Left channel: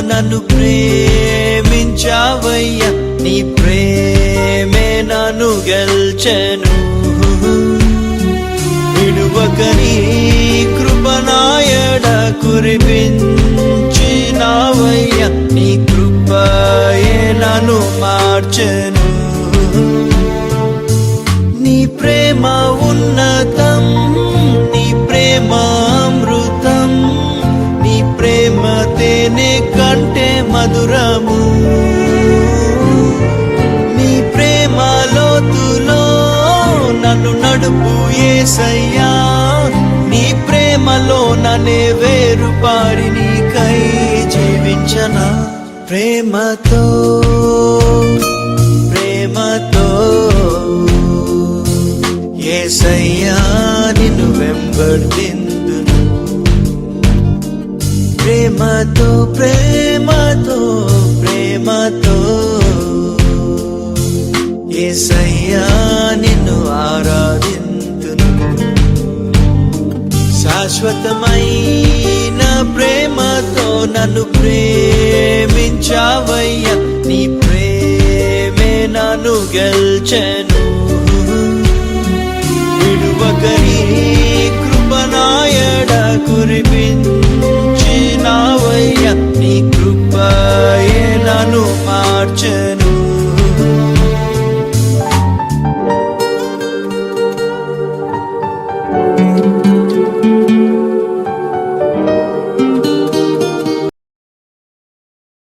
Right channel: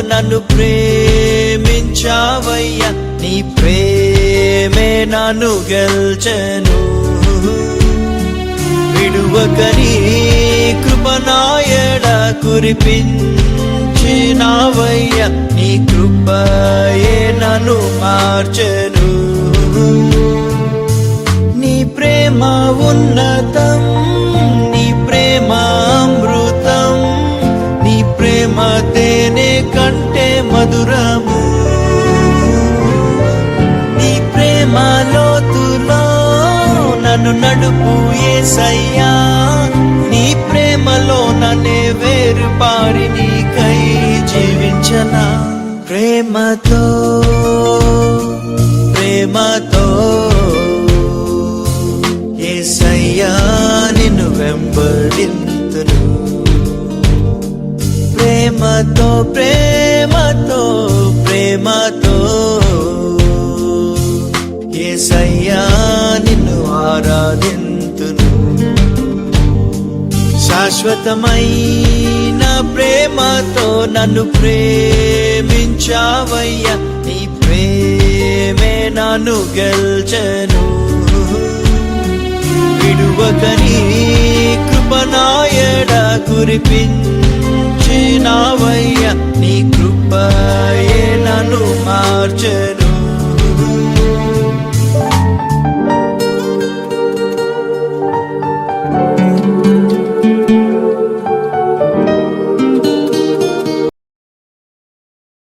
నన్ను ప్రేమించావయ్యా. నీ ప్రేమే నన్ను గెల్చెను. విడువకని కృపనాయడ కురిపించినావయ్యా నన్ను నడుపు ఏసయ్యా. నీ ప్రేమలో నన్నే వేరు పాడి నీకై జీవించన. ప్రేమతో ప్రేమతో ఏసయ్యా నిన్ను వెంబడింది ఏసయ్యా నిన్ను ఆరాధింతును. శాశ్వతమైన ప్రేమతో నన్ను ప్రేమించావయ్యా నీ ప్రేమే నన్ను గెల్చెను.